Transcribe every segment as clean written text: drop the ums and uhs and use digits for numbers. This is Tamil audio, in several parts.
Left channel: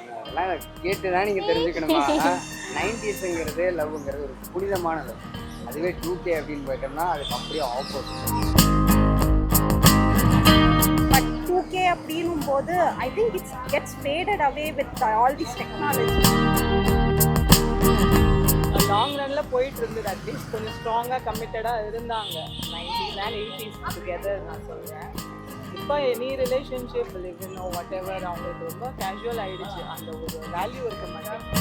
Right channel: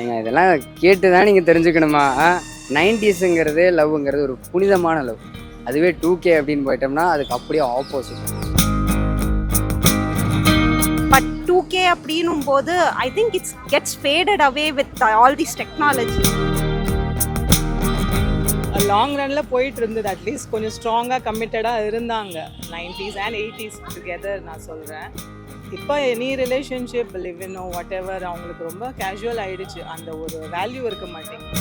ஏங்க இதெல்லாம் கேட்டு தான் நீங்கள் தெரிஞ்சுக்கணுமா? 90ஸ்ங்கிறது லவ்ங்கிறது ஒரு புனிதமான லவ். அதுவே 2K அப்படின்னு போயிட்டோம்னா அதுக்கு அப்படியே ஆப்போசிட். பட் 2K அப்படின்னும் போது I think it's gets faded away with all this technology. Long ரன்னில் போயிட்டு இருந்தது. அட்லீஸ்ட் கொஞ்சம் ஸ்ட்ராங்காக கமிட்டடாக இருந்தாங்க 90s அண்ட் 80s டுகெதர் நான் சொல்கிறேன். இப்போ any relationship live in whatever அவங்களுக்கு ரொம்ப கேஷுவல் ஆகிடுச்சு. அந்த ஒரு வேல்யூ இருக்க மாட்டேங்குது.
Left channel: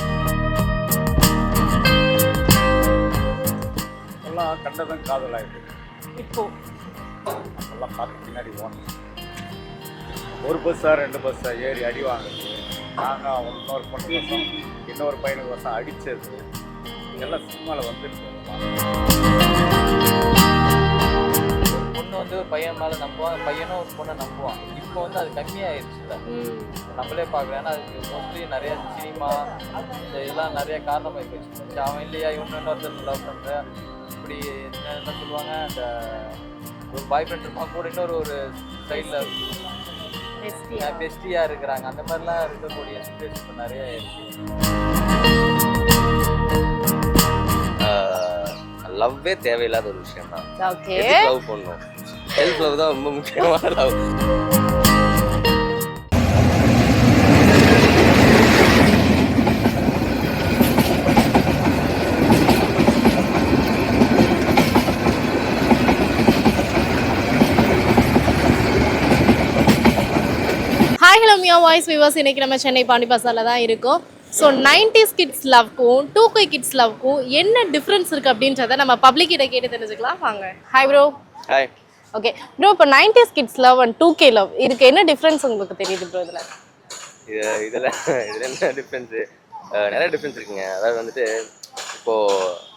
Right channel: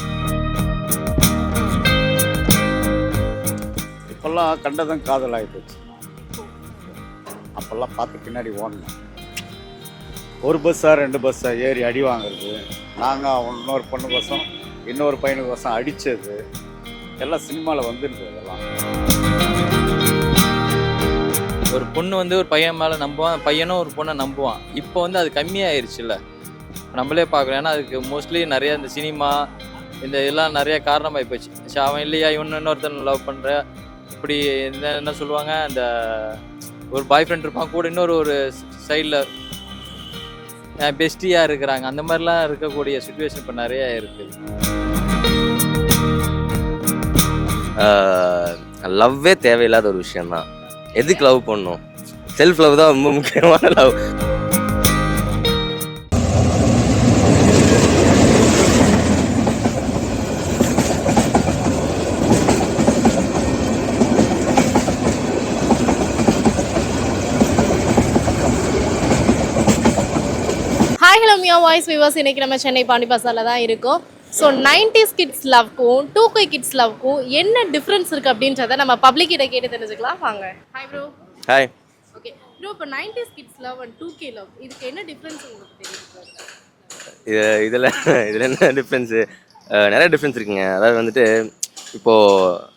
இப்போல்லாம் கண்டதும் காதல் ஆகிடுச்சு. இப்போ அப்போல்லாம் பார்த்து பின்னாடி ஓடணும். ஒரு பஸ்ஸா 2 பஸ்ஸா ஏறி அடி வாங்குறது, நாங்கள் இன்னொரு பொண்ணு பஸ்ஸும் இன்னொரு பையனுக்கு பஸ்ஸும் அடித்தது எல்லாம் சினிமாவில் வந்துருக்கு. அதெல்லாம் ஒரு பொண்ணு வந்து ஒரு பையன் மேலே நம்புவான், பையனும் ஒரு பொண்ணை நம்புவான். இப்போ வந்து அது கம்மியாயிருச்சுல்ல, நம்மளே பார்க்குறோம். ஏன்னா அதுக்கு மோஸ்ட்லி நிறைய இந்த சினிமா இந்த இதெல்லாம் நிறைய காரணமாகி போச்சு. சரி அவன் இல்லையா இன்னொருத்தன் லவ் பண்ணுற இப்படி என்ன சொல்லுவாங்க, அந்த ஒரு பாய் ஃப்ரெண்ட் இருப்பான் கூட இன்னொரு ஒரு சைடில் பெஸ்டியாக இருக்கிறாங்க. அந்த மாதிரிலாம் இருக்கக்கூடிய சுச்சுவேஷன் இப்போ நிறைய இருக்குது. லவ்வே தேவையில்லாத ஒரு விஷயம் தான். எதுக்கு லவ் பண்ணணும்? செல்ஃப் லவ் தான் ரொம்ப முக்கியமான love. Hi hello Miya voice viewers, இன்னைக்கு நம்ம சென்னை பாண்டி பசாரில் தான் இருக்கோம். ஸோ 90s கிட்ஸ் லவ்க்கும் 2K கிட்ஸ் லவ்க்கும் என்ன டிஃப்ரென்ஸ் இருக்குது அப்படின்றத நம்ம பப்ளிக் கிட்ட கேட்டு தெரிஞ்சுக்கலாம். வாங்க. Hi bro. Hi. Okay bro, இப்போ 90s kids love and 2K love இதுக்கு என்ன டிஃப்ரென்ஸ் உங்களுக்கு தெரியுது ப்ரோ? இதில் என்ன டிஃப்ரென்ஸு? நிறைய டிஃப்ரென்ஸ் இருக்குங்க. அதாவது வந்துட்டு இப்போது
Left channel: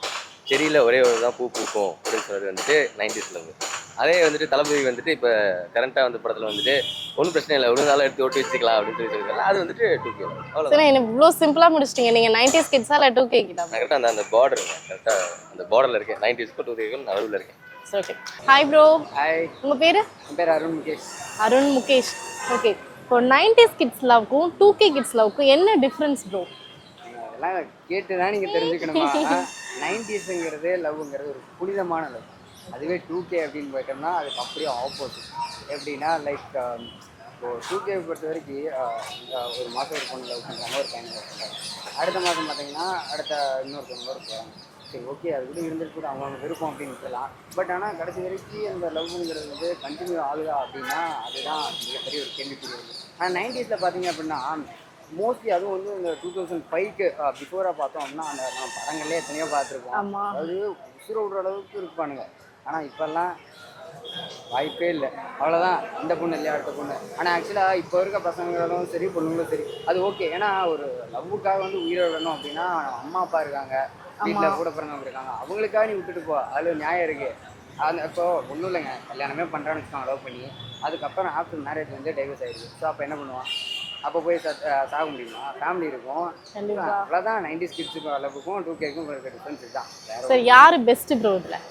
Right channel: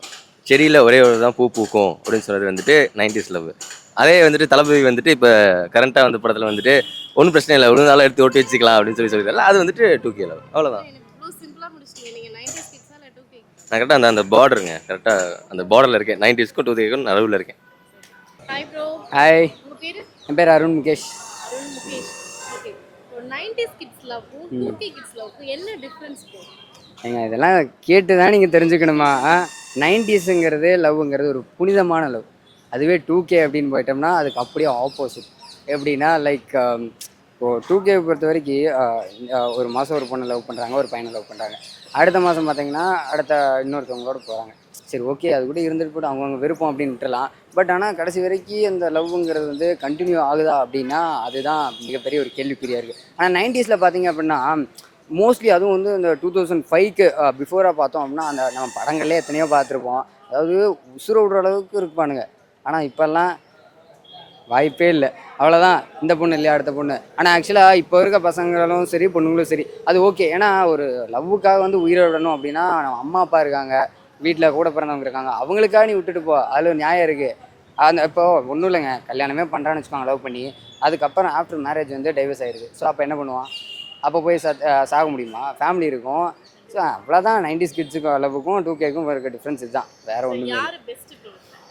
செடியில் ஒரே ஒரு தான் பூ பூக்கும் அப்படின்னு சொல்கிறது வந்துட்டு 90s லவ். அதே வந்துட்டு தளபதி வந்துட்டு இப்போ கரண்ட்டாக வந்து படத்தில் வந்துட்டு ஒன்றும் பிரச்சனை இல்லை, ஒரு நாள் எடுத்து ஓட்டி வச்சுக்கலாம் அப்படின்னு சொல்லியிருக்காரு. அது வந்துட்டு 2K லவ். அவ்வளோதான். என்ன இவ்வளோ சிம்பிளாக முடிச்சிட்டிங்க. நீங்கள் 90s கிட்ஸா இல்லை 2K கிட்டா? நான் கரெக்டாக அந்த பார்டருங்க, கரெக்டாக அந்த பார்டரில் இருக்கேன். 90ஸ்க்கும் 2Kக்கும் நடுவில் இருக்கேன். ஓகே. Hi bro. ஹாய், உங்கள் பேர்? என் பேர் அருண் முகேஷ். அருண் முகேஷ். ஓகே, இப்போ 90s கிட்ஸ் லவ்க்கும் 2K கிட்ஸ் லவ்க்கும் என்ன டிஃப்ரென்ஸ் ப்ரோ? ஏங்க இதெல்லாம் கேட்டு தான் நீங்கள் தெரிஞ்சுக்கணுமா? 90ஸ்ங்கிறது லவ்ங்கிறது ஒரு புனிதமான லவ். அதுவே 2K அப்படின்னு போயிட்டோம்னா அதுக்கு அப்படியே ஆப்போசிட். எப்படின்னா லைக் இப்போது 2K பொறுத்த வரைக்கும் ஒரு மாதம் ஒரு பொண்ணை லவ் பண்ணுறாங்க, ஒரு பையனை லவ் பண்ணுறாங்க. அடுத்த மாதம் பார்த்தீங்கன்னா அடுத்த இன்னொருத்தவங்களோட போகிறாங்க. சரி ஓகே, அது கூட இருந்துட்டு போட்டு அவங்கவுங்க விருப்பம் அப்படின்னு விட்டுலாம். பட் ஆனால் கடைசி வரைக்கும் அந்த லவ்ங்கிறது வந்து கண்டினியூ ஆகுதா அப்படின்னா அதுதான் மிகப்பெரிய ஒரு கேள்விக்குறியாக இருக்குது. ஆனால் 90ஸில் பார்த்தீங்க அப்படின்னா மோஸ்ட்லி அதுவும் வந்து இந்த 2005க்கு பிஃபோராக பார்த்தோம் அப்படின்னா அந்த நம்ம படங்கள்லேயே எத்தனையோ பார்த்துருப்போம். அதாவது உசுர விடுற அளவுக்கு இருப்பானுங்க. ஆனால் இப்போல்லாம் வாய்ப்பே இல்லை. அவ்வளோதான், இந்த பொண்ணு இல்லையா அடுத்த பொண்ணு. ஆனால் ஆக்சுவலாக இப்போ இருக்க பசங்களும் சரி பொண்ணுங்களும் சரி அது ஓகே. ஏன்னா ஒரு லவ்வுக்காக வந்து உயிரை விடணும் அப்படின்னா அம்மா அப்பா இருக்காங்க, வீட்டில் கூட பிறந்தவங்க இருக்காங்க, அவங்களுக்காக நீ விட்டுட்டு போ, அதில் நியாயம் இருக்குது. அந்த இப்போ ஒன்றும் இல்லைங்க, கல்யாணமே பண்ணுறான்னு வச்சுக்கோங்க லவ் பண்ணி, அதுக்கப்புறம் ஆஃப்டர் மேரேஜ் வந்து டைவர்ஸ் ஆகிடுது. ஸோ அப்போ என்ன பண்ணுவான்? அப்போ போய் சாக முடியுமா? ஃபேமிலி இருக்கும். அவ்வளோதான் 90s கிட்ஸுக்கும் லவ்வுக்கும் 2Kக்கும் இருக்க டிஃப்ரென்ஸ் இதுதான். வேற ஒரு யார் பெஸ்ட் ப்ரோ இதில்?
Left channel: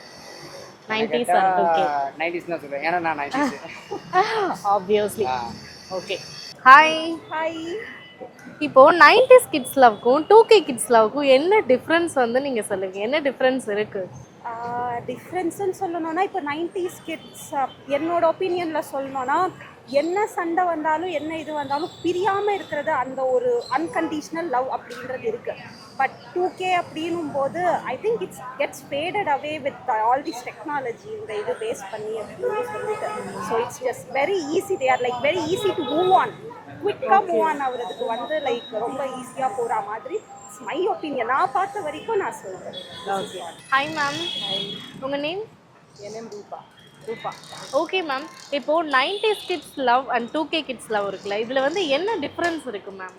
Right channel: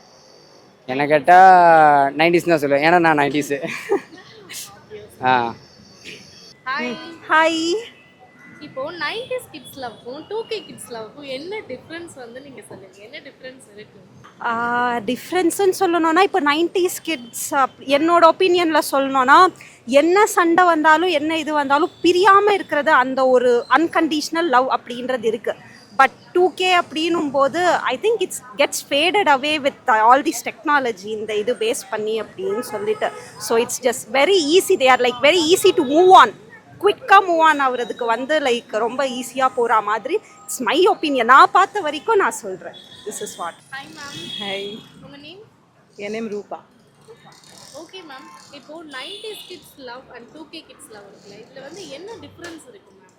என்ன கேட்டால் 90s தான் சொல்லுவேன், ஏன்னா நான் 90s. Obviously. Okay. Hi. Hi. இப்போ 90s கிட்ஸ் லவ்க்கும் 2K கிட்ஸ் லவ்க்கும் என்ன டிஃப்ரென்ஸ் வந்து நீங்க சொல்லுங்க. என்ன டிஃப்ரென்ஸ் இருக்கு? டிஃப்ரென்ஸ்ன்னு சொல்லணும்னா இப்போ 90s கிட்ஸ் என்னோட ஒப்பீனியனில் சொல்லணும்னா என்ன சண்டை வந்தாலும் என்ன இது வந்தாலும் பிரியாமல் இருக்கிறது, அந்த ஒரு அன்கண்டிஷ்னல் லவ் அப்படின்றது இருக்குது. பட் 2K அப்படின்னும் போது I think it's gets faded away with all this technology, இந்த இது பேஸ் பண்ணி அப்படின்னு சொல்லிட்டு. So it's just very easy. They are like very easy to move on, குவிக்காக மூவ் ஆன் ஆகுறதுக்கு வந்து லைக் ரொம்ப ஈஸியாக போகிற மாதிரி. இட்ஸ் மை ஒப்பீனியன், நான் பார்த்த வரைக்கும் நான் சொல்கிறேன். Hi ma'am. ஹாய், உங்கள் நேம்? என் நேம் ரூபா. ரூபா. ஓகே மேம், இப்போது 90s kids love and 2K kids love இருக்குல்ல, இதில் வந்து என்ன டிஃப்ரென்ஸ் இருக்குது மேம்?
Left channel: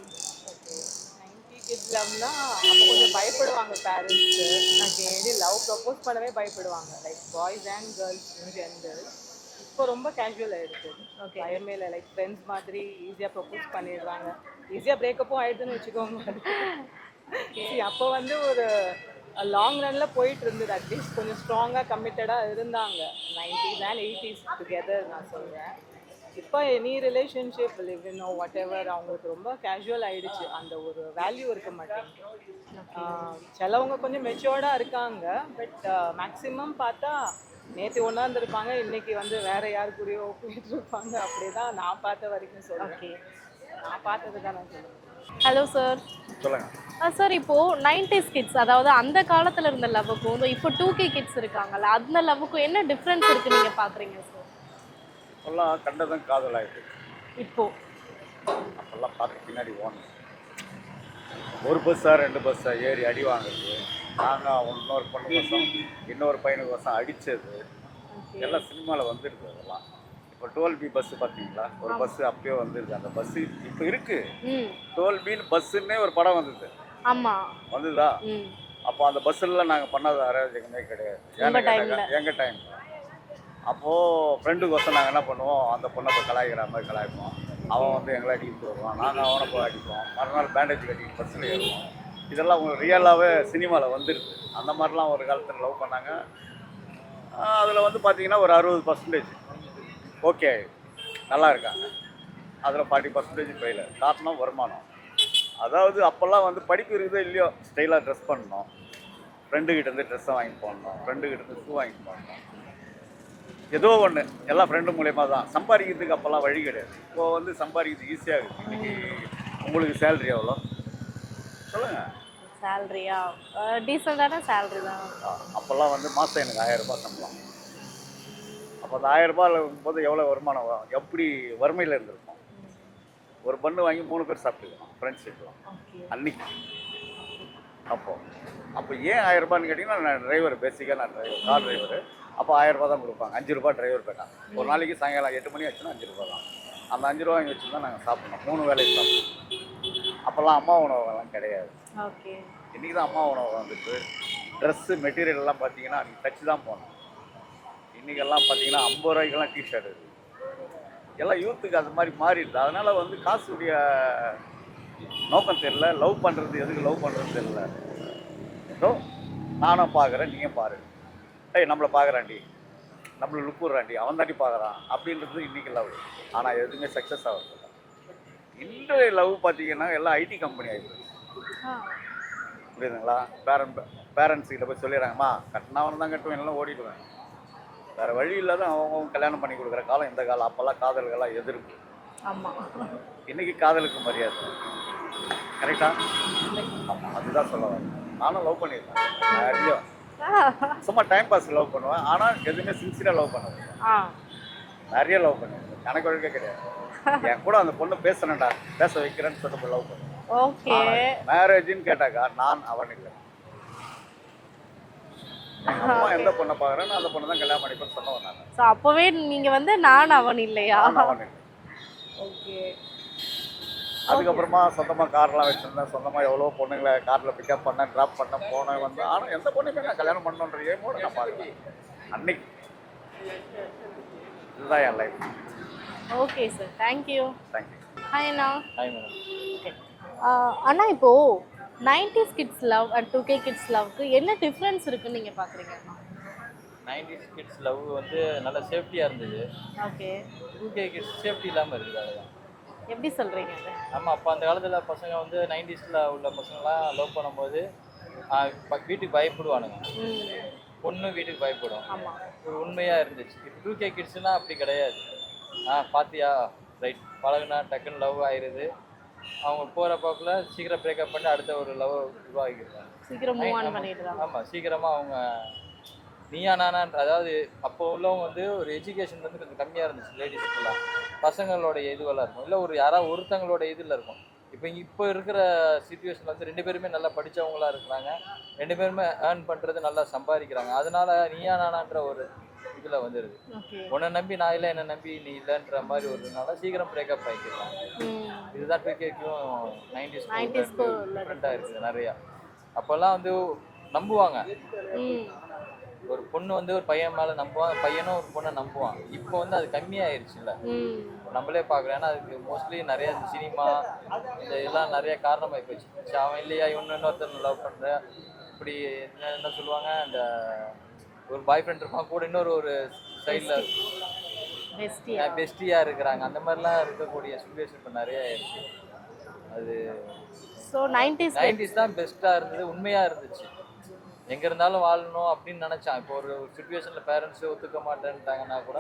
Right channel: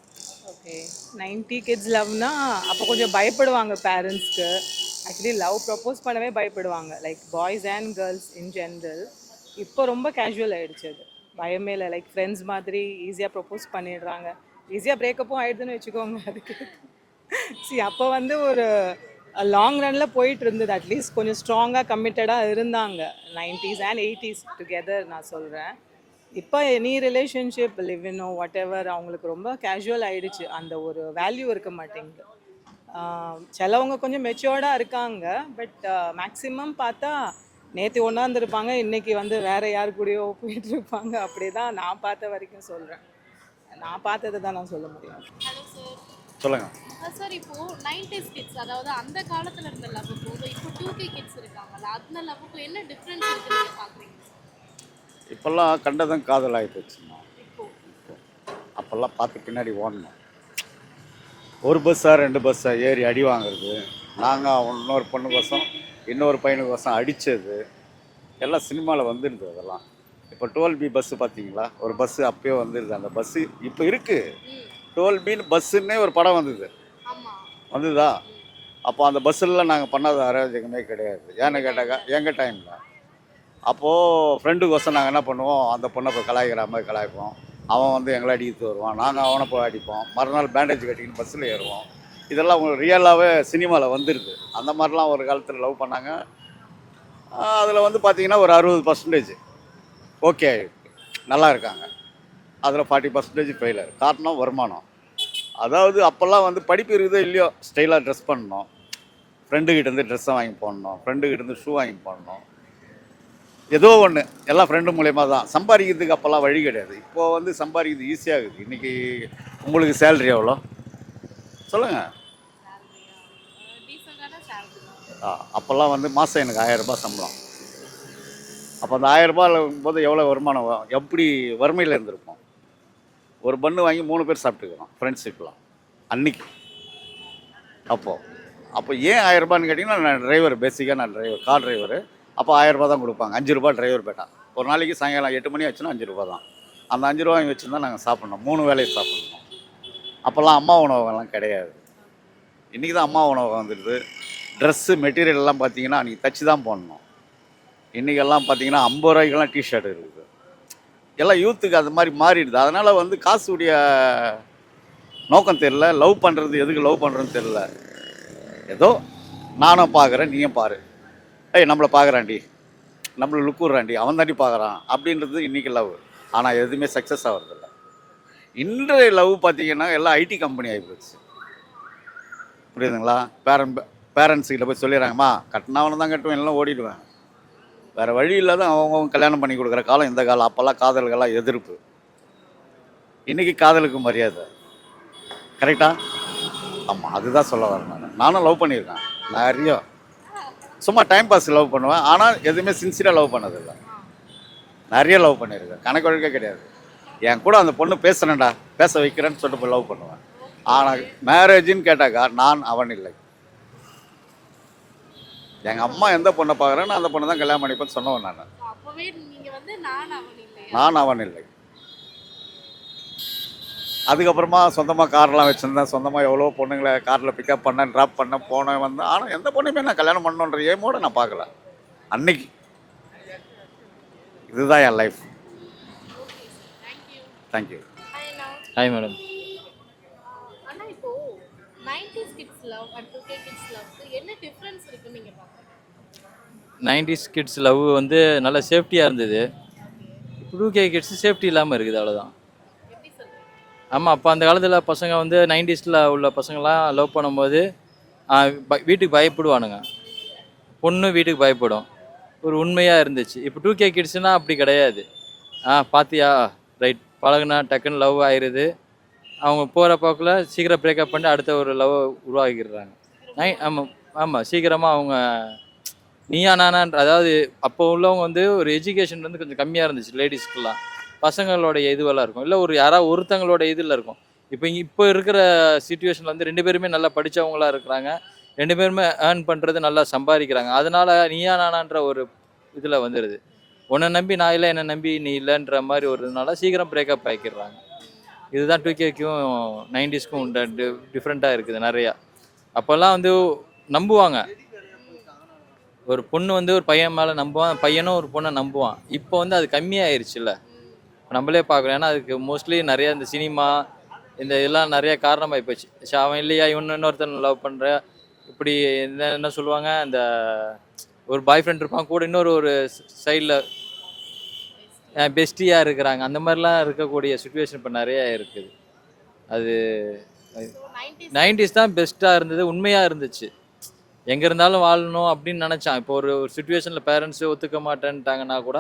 ஓகே, 90 கிட்ஸ் லவ்னா அப்போ கொஞ்சம் பயப்படுவாங்க பேரண்ட்ஸ்க்கு. அப்படி லவ் ப்ரப்போஸ் பண்ணவே பயப்படுவாங்க, like boys and girls in general. இப்போ ரொம்ப கேஷுவல் ஆகிடுச்சு. அது பயமே இல்லை, லைக் ஃப்ரெண்ட்ஸ் மாதிரி ஈஸியாக ப்ரப்போஸ் பண்ணிடுறாங்க. ஈஸியாக பிரேக்கப்பும் ஆகிடுதுன்னு வச்சுக்கோங்க. சரி அப்போ வந்து ஒரு லாங் ரன்னில் போயிட்டு இருந்தது. அட்லீஸ்ட் கொஞ்சம் ஸ்ட்ராங்காக கமிட்டடாக இருந்தாங்க 90s அண்ட் 80s டுகெதர் நான் சொல்கிறேன். இப்போ எனி ரிலேஷன்ஷிப் லிவ் இன்னோ வாட் எவர் அவங்களுக்கு ரொம்ப கேஷுவல் ஆயிடுச்சு, அந்த ஒரு வேல்யூ இருக்க மாட்டேங்குது. சிலவங்க கொஞ்சம் மெச்சூர்டாக இருக்காங்க, பட் மேக்ஸிமம் பார்த்தா நேற்று ஒன்றா இருந்திருப்பாங்க, இன்னைக்கு வந்து வேற யார் கூடயோ போயிட்டு இருப்பாங்க. அப்படியே தான் நான் பார்த்த வரைக்கும் சொல்கிறேன். ஓகே. நான் பார்த்தது தான் நான் சொல்ல முடியும். Hello sir. சொல்லுங்கள். சார் இப்போ 90s கிட்ஸ் அதாவது அந்த காலத்துல இருந்த லவ்வுக்கும் இப்போ 2K கிட்ஸ் இருக்காங்கல்ல அந்த லவ்வுக்கும் என்ன டிஃப்ரென்ஸ் இருக்கு நீங்க பாக்குறீங்க சார்? இப்போல்லாம் கண்டதும் காதல் ஆகிடுச்சு. இப்போ அப்போல்லாம் பார்த்து பின்னாடி ஓடணும். ஒரு பஸ்ஸாக 2 பஸ்ஸாக ஏறி அடி வாங்குறது, நாங்கள் இன்னொரு பொண்ணு பஸ்ஸும் இன்னொரு பையனுக்கு பஸ்ஸும் அடித்தது எல்லாம் சினிமாவில் வந்துடுது. அதெல்லாம் இப்போ 12B பஸ்ஸு பார்த்தீங்களா, ஒரு பஸ்ஸு அப்பயே வந்துடுது. அந்த பஸ்ஸு இப்போ இருக்குது. 12Bன்னு பஸ்ஸுன்னே ஒரு படம் வந்தது. ஆமா வந்துதா? அப்போ அந்த பஸ்ஸில் நாங்கள் பண்ணாத அராஜகமே கிடையாது. ஏன்னு கேட்டாக்கா எங்கள் டைமில் அப்போது ஃப்ரெண்டுக்கோசம் நாங்கள் என்ன பண்ணுவோம், அந்த பொண்ணை போய் கலாய்க்கிற மாதிரி கலாய்ப்போம். அவன் வந்து எங்களை அடிக்கிட்டு வருவான், நாங்கள் அவனை போய் அடிப்போம். மறுநாள் பேண்டேஜ் கட்டிக்கிட்டு பஸ்ஸில் ஏறுவோம். இதெல்லாம் உங்களுக்கு ரியலாகவே சினிமாவில் வந்துருக்கு. அந்த மாதிரிலாம் ஒரு காலத்தில் லவ் பண்ணாங்க. அதில் வந்து பார்த்தீங்கன்னா ஒரு 60% ஓகே நல்லா இருக்காங்க, அதில் 40% ஃபெயிலர். காரணம் வருமானம். அதாவது அப்போல்லாம் வந்து படிப்பு இருக்குதோ இல்லையோ ஸ்டைலாக ட்ரெஸ் பண்ணணும், ஃப்ரெண்டுக்கிட்டேருந்து ட்ரெஸ்ஸை வாங்கி போடணும், ஃப்ரெண்டுக்கிட்டேருந்து ஷூ வாங்கி போடணும், ஏதோ ஒன்று எல்லாம் ஃப்ரெண்டு மூலயமா தான். சம்பாதிக்கிறதுக்கு அப்போல்லாம் வழி கிடையாது. இப்போது வந்து சம்பாதிக்கிறது ஈஸியாக இருக்குது. இன்றைக்கி உங்களுக்கு சேலரி எவ்வளோ சொல்லுங்கள்? சேலரியா டீசெண்டான சேலரி தான். அப்போல்லாம் வந்து மாதம் எனக்கு 1000 ரூபாய் சம்பளம். அப்போ அந்த 1000 ரூபாய் போது எவ்வளோ வருமானம், எப்படி வறுமையில் இருந்திருப்போம். ஒரு பண்ணு வாங்கி 3 பேர் சாப்பிட்டுக்கிறோம் ஃப்ரெண்ட்ஷிப்லாம் அன்னைக்கு. அப்போ ஏன் 1000 ரூபான்னு கேட்டிங்கன்னா, நான் டிரைவர், பேசிக்காக நான் டிரைவர், கார் டிரைவரு. அப்போ 1000 ரூபா தான் கொடுப்பாங்க. 5 ரூபா டிரைவர் பேட்டா. ஒரு நாளைக்கு சாயங்காலம் 8 மணி ஆச்சுன்னா 5 ரூபா தான். அந்த 5 ரூபா வாங்கி வச்சுருந்தா நாங்கள் சாப்பிட்ணும், 3 வேலையை சாப்பிட்ணும். அப்போல்லாம் அம்மா உணவகம்லாம் கிடையாது. ஓகே. இன்றைக்கி தான் அம்மா உணவகம் வந்துடுது. ட்ரெஸ்ஸு மெட்டீரியல்லாம் பார்த்தீங்கன்னா அன்றைக்கி தச்சு தான் போடணும். இன்றைக்கெல்லாம் பார்த்தீங்கன்னா 50 ரூபாய்க்கெல்லாம் டிஷர்ட் இருக்குது. எல்லாம் யூத்துக்கு அது மாதிரி மாறிடுது. அதனால் வந்து காசுடைய நோக்கம் தெரில, லவ் பண்ணுறது எதுக்கு லவ் பண்ணுறதுன்னு தெரில. ஏதோ நானும் பார்க்குறேன், நீயும் பாரு, நம்மளை பார்க்குறான்டி, நம்மளை லுக்குறான்டி, அவன் தாண்டி பார்க்குறான் அப்படின்றது இன்றைக்கி லவ். ஆனால் எதுவுமே சக்ஸஸ் ஆகிறதில்ல. இன்றைய லவ் பார்த்தீங்கன்னா எல்லாம் ஐடி கம்பெனி ஆகிப்போச்சு. புரியுதுங்களா? பேரண்ட்ஸுக்கிட்ட போய் சொல்லிடுறாங்கம்மா, கட்டினவனை தான் கட்டுவேன், எல்லாம் ஓடிடுவேன். வேறு வழி இல்லாத அவங்க கல்யாணம் பண்ணி கொடுக்குற காலம் இந்த காலம். அப்போல்லாம் காதல்கள்லாம் எதிர்ப்பு. இன்றைக்கி காதலுக்கு மரியாதை. கரெக்டா? ஆமாம், அதுதான் சொல்ல வரேன். நானும் லவ் பண்ணியிருக்கேன் நிறைய. சும்மா டைம் பாஸ் லவ் பண்ணுவேன், ஆனால் எதுவுமே சின்சியராக லவ் பண்ணதில்லை. நிறைய லவ் பண்ணியிருக்கேன், கணக்கு வழக்கே கிடையாது. என் கூட அந்த பொண்ணு பேசுறேன்டா, பேச வைக்கிறேன்னு சொல்லிட்டு போய் லவ் பண்ணுவேன். ஆனால் மேரேஜின்னு கேட்டாக்கா நான் அவன் இல்லை. எங்கள் அம்மா எந்த பொண்ணை பார்க்குறேன்னு அந்த பொண்ணை தான் கல்யாணம் பண்ணிப்பேன்னு சொன்னவன் நான். அப்போவே நீங்கள் வந்து நான் அவன் இல்லையா? நான் அவன் இல்லை. அதுக்கப்புறமா சொந்தமாக கார்லாம் வச்சுருந்தேன். சொந்தமாக எவ்வளோ பொண்ணுங்களை காரில் பிக்கப் பண்ணேன், ட்ராப் பண்ணேன், போனேன், வந்தேன். ஆனால் எந்த பொண்ணுமே நான் கல்யாணம் பண்ணணுன்ற ஏமோடு நான் பார்க்கல அன்னைக்கு. இதுதான் என் life. Okay sir, thank you. Thank you. Hi அண்ணா. Hi madam. அண்ணா இப்போ 90s kids love and 2K kids லவ்க்கு என்ன டிஃப்ரென்ஸ் இருக்குன்னு நீங்கள் பார்க்குறீங்க? 90s கிட்ஸ் லவ் வந்து நல்ல சேஃப்டியாக இருந்தது. ஓகே. 2K கிட்ஸ் சேஃப்டி இல்லாமல் இருக்குது, அவ்வளோதான். எப்படி சொல்கிறீங்க அது? ஆமாம், அப்போ அந்த காலத்தில் பசங்க வந்து 90ஸ்ல உள்ள பசங்களாம் லவ் பண்ணும்போது வீட்டுக்கு பயப்படுவானுங்க, பொண்ணு வீட்டுக்கு பயப்படும். ஒரு உண்மையாக இருந்துச்சு. இப்போ 2K கிட்ஸ்னால் அப்படி கிடையாது. பார்த்தியா, ரைட், பழகுனா டக்குன்னு லவ் ஆயிடுது. அவங்க போகிற போக்கில் சீக்கிரம் பிரேக்கப் பண்ணி அடுத்த ஒரு லவ் உருவாக்கிடுறாங்க. ஆமாம், சீக்கிரமாக அவங்க நீயா நானான்ற, அதாவது அப்போ உள்ளவங்க வந்து ஒரு எஜுகேஷன் வந்து கொஞ்சம் கம்மியாக இருந்துச்சு லேடிஸ்க்கெல்லாம். பசங்களோட இதுவெல்லாம் இருக்கும், இல்லை ஒரு யாராவது ஒருத்தங்களோட இதில் இருக்கும். இப்போ இருக்கிற சிச்சுவேஷனில் வந்து 2 பேருமே நல்லா படித்தவங்களாக இருக்கிறாங்க, 2 பேருமே ஏர்ன் பண்ணுறது நல்லா சம்பாதிக்கிறாங்க. அதனால நீயா நானான்ற ஒரு இதில் வந்துடுது. உன்னை நம்பி நான் இல்லை, என்னை நம்பி நீ இல்லைன்ற மாதிரி ஒருனால சீக்கிரம் பிரேக்கப் ஆகிக்கிறாங்க. இதுதான் 2Kக்கும் 90ஸ்க்கும் டிஃப்ரெண்ட்டாக இருக்குது நிறையா. அப்போல்லாம் வந்து நம்புவாங்க, ஒரு பொண்ணு வந்து ஒரு பையன் மேலே நம்புவான், பையனும் ஒரு பொண்ணை நம்புவான். இப்போ வந்து அது கம்மியாயிருச்சுல்ல, நம்மளே பார்க்குறோம். ஏன்னா அதுக்கு மோஸ்ட்லி நிறையா இந்த சினிமா இந்த இதெல்லாம் நிறைய காரணமாகி போச்சு. அவன் இல்லையா, இன்னொருத்தன் லவ் பண்ணுற, இப்படி என்ன சொல்லுவாங்க, இந்த ஒரு பாய் ஃப்ரெண்ட் இருப்பான் கூட இன்னொரு சைடில் பெஸ்டியாக இருக்கிறாங்க. அந்த மாதிரிலாம் இருக்கக்கூடிய சுச்சுவேஷன் இப்போ நிறைய இருக்குது. அது ஸோ 90s 90s தான் பெஸ்ட்டாக இருந்தது, உண்மையாக இருந்துச்சு. எங்கே இருந்தாலும் வாழணும் அப்படின்னு நினச்சான். இப்போ ஒரு சுச்சுவேஷனில் பேரண்ட்ஸு ஒத்துக்க மாட்டேன்ட்டாங்கன்னா கூட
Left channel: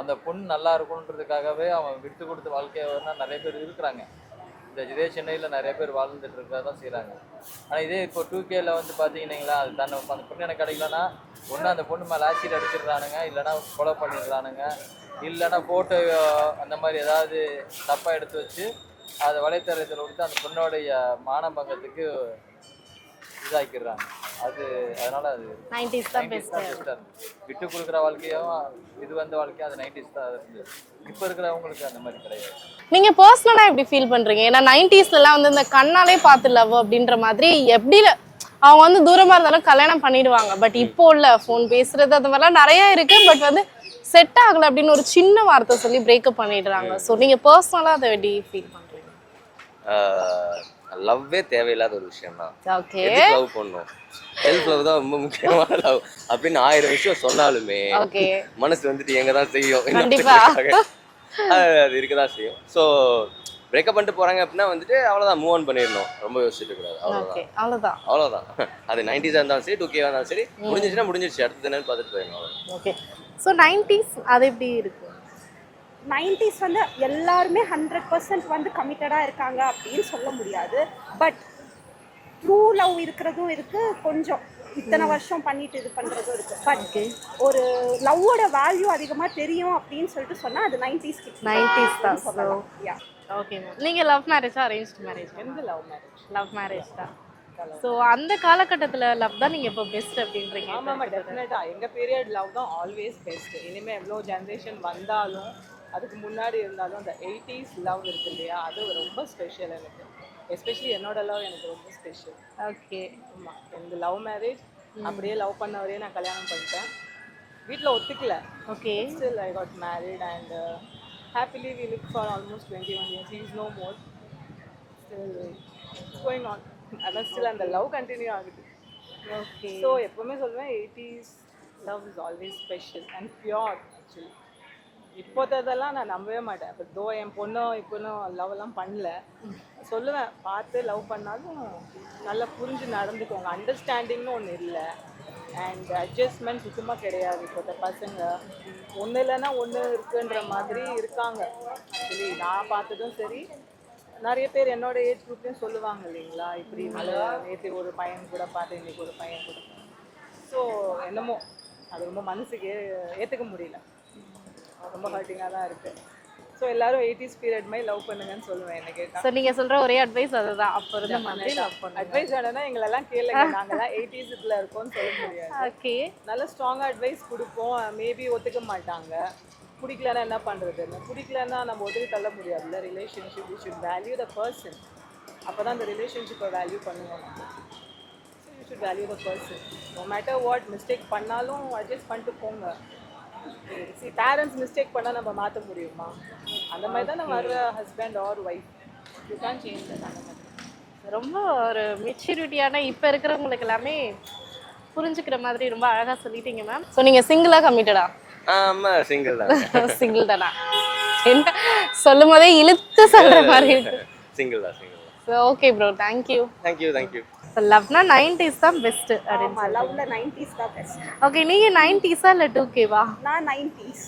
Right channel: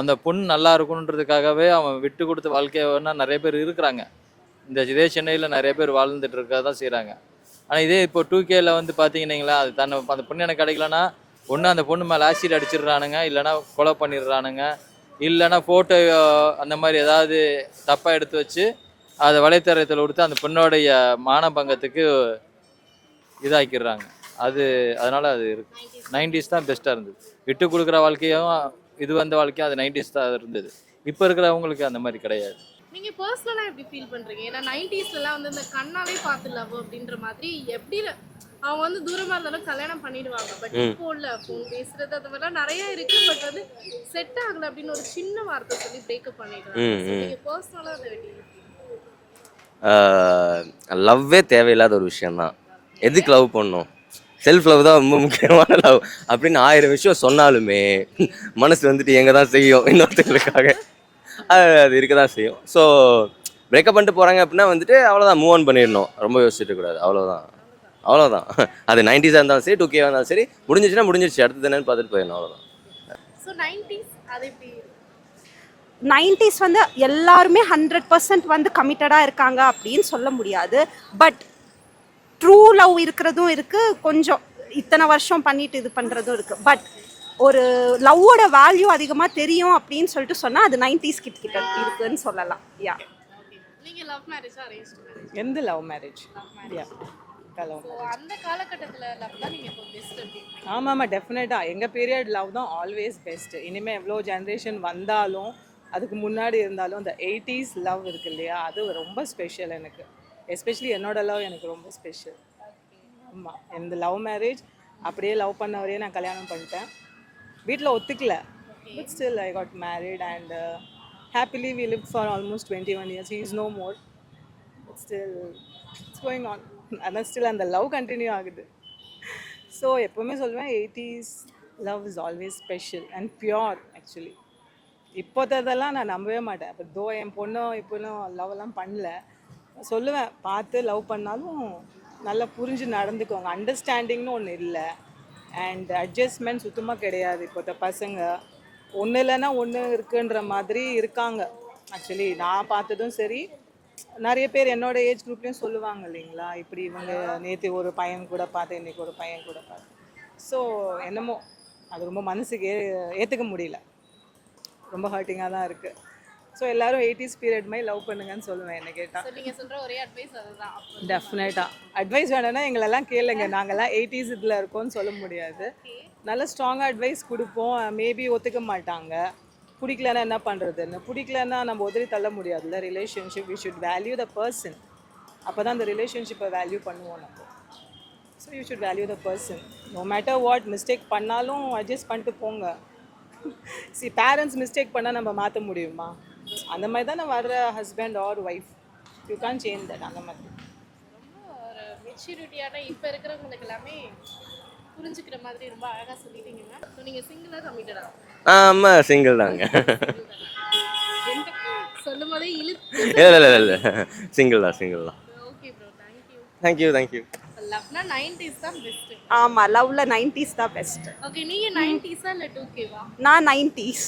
அந்த பொண்ணு நல்லா இருக்கணுன்றதுக்காகவே அவன் விட்டு கொடுத்து வாழ்க்கையை நிறைய பேர் இருக்கிறாங்க. இதே சென்னையில் நிறைய பேர் வாழ்ந்துட்டு இருக்க தான் செய்கிறாங்க. ஆனால் இதே இப்போ 2Kல வந்து பார்த்தீங்கன்னா அது அந்த பொண்ணு எனக்கு கிடைக்கலன்னா ஒன்று அந்த பொண்ணு மேலே ஆசிட் அடிச்சிடுறானுங்க, இல்லைனா கொலை பண்ணிடுறானுங்க, இல்லைனா ஃபோட்டோ அந்த மாதிரி ஏதாவது தப்பாக எடுத்து வச்சு அதை வலைத்தளத்தில் கொடுத்து அந்த பொண்ணோடைய மானபங்கத்துக்கு இதாக்கிடுறாங்க. அதனால அது இருக்கு. 90s தான் பெஸ்ட்டாக இருந்தது. விட்டு கொடுக்குற வாழ்க்கையும் இது வந்த வாழ்க்கையும் அது 90s தான் இருந்தது. இப்போ இருக்கிறவங்களுக்கு அந்த மாதிரி கிடையாது. நீங்க பர்சனலா எப்படி ஃபீல் பண்றீங்க? ஏன்னா 90sலாம் வந்து இந்த கண்ணாலே பார்த்து லவ் அப்படின்ற மாதிரி எப்படி அவங்க வந்து தூரமா இருந்தாலும் கல்யாணம் பண்ணிடுவாங்க. பட் இப்போ உள்ள ஃபோன் பேசுறது அந்த மாதிரிலாம் நிறைய இருக்கு. பட் வந்து செட் ஆகல அப்படின்னு ஒரு சின்ன வார்த்தை சொல்லி பிரேக்கப் பண்ணிடுறாங்க. ஸோ நீங்க பர்சனலா அதை எப்படி ஃபீல் பண்றீங்க? லவ்வே தேவையில்லாத ஒரு விஷயம் தான். ஓகே, எதுக்கு லவ் பண்ணணும்? செல்ஃப் லவ் தான் ரொம்ப முக்கியமான லவ் அப்படின்னு 1000 விஷயம் சொன்னாலுமே ஓகே, மனசு வந்துட்டு எங்க தான் செய்யும், இன்னொருத்தருக்காக அது இருக்க தான் செய்யும். ஸோ பிரேக்கப் பண்ணிட்டு போறாங்க அப்படின்னா வந்துட்டு அவ்வளோதான், மூவ் ஆன் பண்ணிடணும், ரொம்ப யோசிச்சுட்டு கூடாது. அவ்வளோதான். அது 90s இருந்தாலும் சரி 2K இருந்தாலும் சரி, முடிஞ்சிச்சுன்னா முடிஞ்சிருச்சு, அடுத்தது என்னன்னு பார்த்துட்டு போயிடணும், அவ்வளோதான். ஓகே. ஸோ 90s அது எப்படி இருக்கு? 90s வந்து எல்லாருமே 100% வந்து கமிட்டடாக இருக்காங்க அப்படின்னு சொல்ல முடியாது. பட் ட்ரூ லவ் இருக்கிறதும் இருக்கு, கொஞ்சம் இத்தனை வருஷம் பண்ணிட்டு இது பண்றதும் இருக்கு. பட் ஒரு லவ்வோட வேல்யூ அதிகமா தெரியும் அப்படின்னு சொல்லிட்டு சொன்னா அது 90s கிட்ஸ் 90s தான் சொல்லலாம். யா, ஓகே மேம். நீங்க லவ் மேரேஜா அரேஞ்ச்ட் மேரேஜ்? எந்த லவ் மேரேஜ்? லவ் மேரேஜ் தான். ஸோ அந்த காலகட்டத்தில் லவ் தான் நீங்கள் இப்போ பெஸ்ட் அப்படின்றீங்க? ஆமாம், டெஃபினட்டாக எங்கள் பீரியட் லவ் தான் ஆல்வேஸ் பெஸ்ட். இனிமேல் எவ்வளோ ஜென்ரேஷன் வந்தாலும் அதுக்கு முன்னாடி இருந்தாலும் அந்த 80s லவ் இருக்கு இல்லையா, அது ரொம்ப ஸ்பெஷல் எனக்கு. எஸ்பெஷலி என்னோட லவ் எனக்கு ரொம்ப ஸ்பெஷல். ஓகே. ஆமாம், இந்த லவ் மேரேஜ் அப்படியே லவ் பண்ணவரையே நான் கல்யாணம் பண்ணிட்டேன். வீட்டில் ஒத்துக்கல. Okay. Still I got married and happily we lived for almost 21 years. He is no more. Still it's going on. And still and the love continue ஆகுது. ஓகே. So எப்பவுமே சொல்லுவேன் 80s love is always special and pure actually. இப்போதெல்லாம் நான் நம்பவே மாட்டேன். அப்போ தோ என் பொண்ணும் இப்போலாம் லவ்லாம் பண்ணல, சொல்லுவேன் பார்த்து லவ் பண்ணாலும் நல்லா புரிஞ்சு நடந்துக்கோங்க, அண்டர்ஸ்டாண்டிங்னு ஒன்று இல்லை, அண்ட் அட்ஜஸ்ட்மெண்ட் சுத்தமாக கிடையாது. இப்போத்த பசங்க ஒன்று இல்லைன்னா ஒன்று இருக்குன்ற மாதிரி இருக்காங்க. ஆக்சுவலி நான் பார்த்ததும் சரி, நிறைய பேர் என்னோட ஏஜ் குரூப்லேயும் சொல்லுவாங்க இல்லைங்களா, இப்படி வந்து நேற்று ஒரு பையன் கூட பார்த்தேன், இன்றைக்கி ஒரு பையன் கூட பார்த்தேன். ஸோ என்னமோ அது ரொம்ப மனசுக்கு ஏற்றுக்க முடியல, ரொம்ப ஹர்ட்டிங்காக தான் இருக்குது. ஸோ எல்லாரும் 80s பீரியட் மாதிரி லவ் பண்ணுங்கன்னு சொல்லுவேன் என்ன கேட்டால். ஸோ நீங்கள் சொல்கிற ஒரே அட்வைஸ் அதுதான். அப்போ அட்வைஸ் வேணும்னா எங்களெல்லாம் கேளுங்க, நாங்கள்லாம் 80s இதில் இருக்கோம்னு சொல்ல முடியாது. ஓகே. நல்ல ஸ்ட்ராங்காக அட்வைஸ் கொடுப்போம். மேபி ஒத்துக்க மாட்டாங்க, பிடிக்கலன்னா என்ன பண்ணுறதுன்னு. பிடிக்கலன்னா நம்ம உதவி தள்ள முடியாதுல்ல. Relationship you should value the person, அப்போ தான் அந்த ரிலேஷன்ஷிப்பை வேல்யூ பண்ணுவோம் நம்ம. So you should value the person. No matter what mistake பண்ணாலும் அட்ஜஸ்ட் பண்ணிட்டு போங்க. சி பேரண்ட்ஸ் மிஸ்டேக் பண்ணால் நம்ம மாற்ற முடியுமா? அந்த மாதிரி தான் வர்ற husband or wife, you can change that. அந்த மாதிரி ரொம்ப ஒரு மெச்சூரிட்டியான இப்போ இருக்கிறவங்களுக்கு எல்லாமே புரிஞ்சுக்கிற மாதிரி ரொம்ப அழகாக சொல்லிட்டீங்க மேம். ஸோ நீங்கள் சிங்கிளாக கமிட்டடா? ஆமாம், சிங்கிள் தான். சிங்கிள் தானா? என்ன சொல்லும் போதே இழுத்து சொல்ற மாதிரி. சிங்கிள் தான். Okay bro, thank you. லவ்னா 90s தான் பெஸ்ட். ஆமா, லவ்ல 90s தான் பெஸ்ட். ஓகே, நீங்க 90s இல்ல 2K-வா? நான் 90s.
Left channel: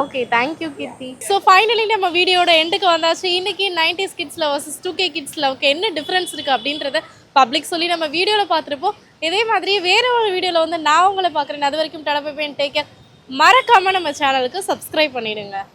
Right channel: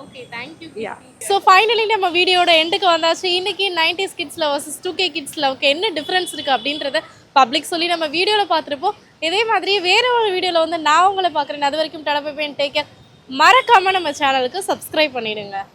Okay, thank you Keerthi. So finally நம்ம வீடியோட எண்டுக்கு வந்தாச்சு. இன்னைக்கு 90s kids love vs 2K kids லவ்க்கு என்ன டிஃப்ரென்ஸ் இருக்கு அப்படின்றத பப்ளிக் சொல்லி நம்ம வீடியோவில் பார்த்துருப்போம். இதே மாதிரி வேற ஒரு வீடியோவில் வந்து நான் உங்களை பார்க்குறேன். அது வரைக்கும் டடா பை பை, டேக் கேர். மறக்காம நம்ம சேனலுக்கு சப்ஸ்கிரைப் பண்ணிடுங்க.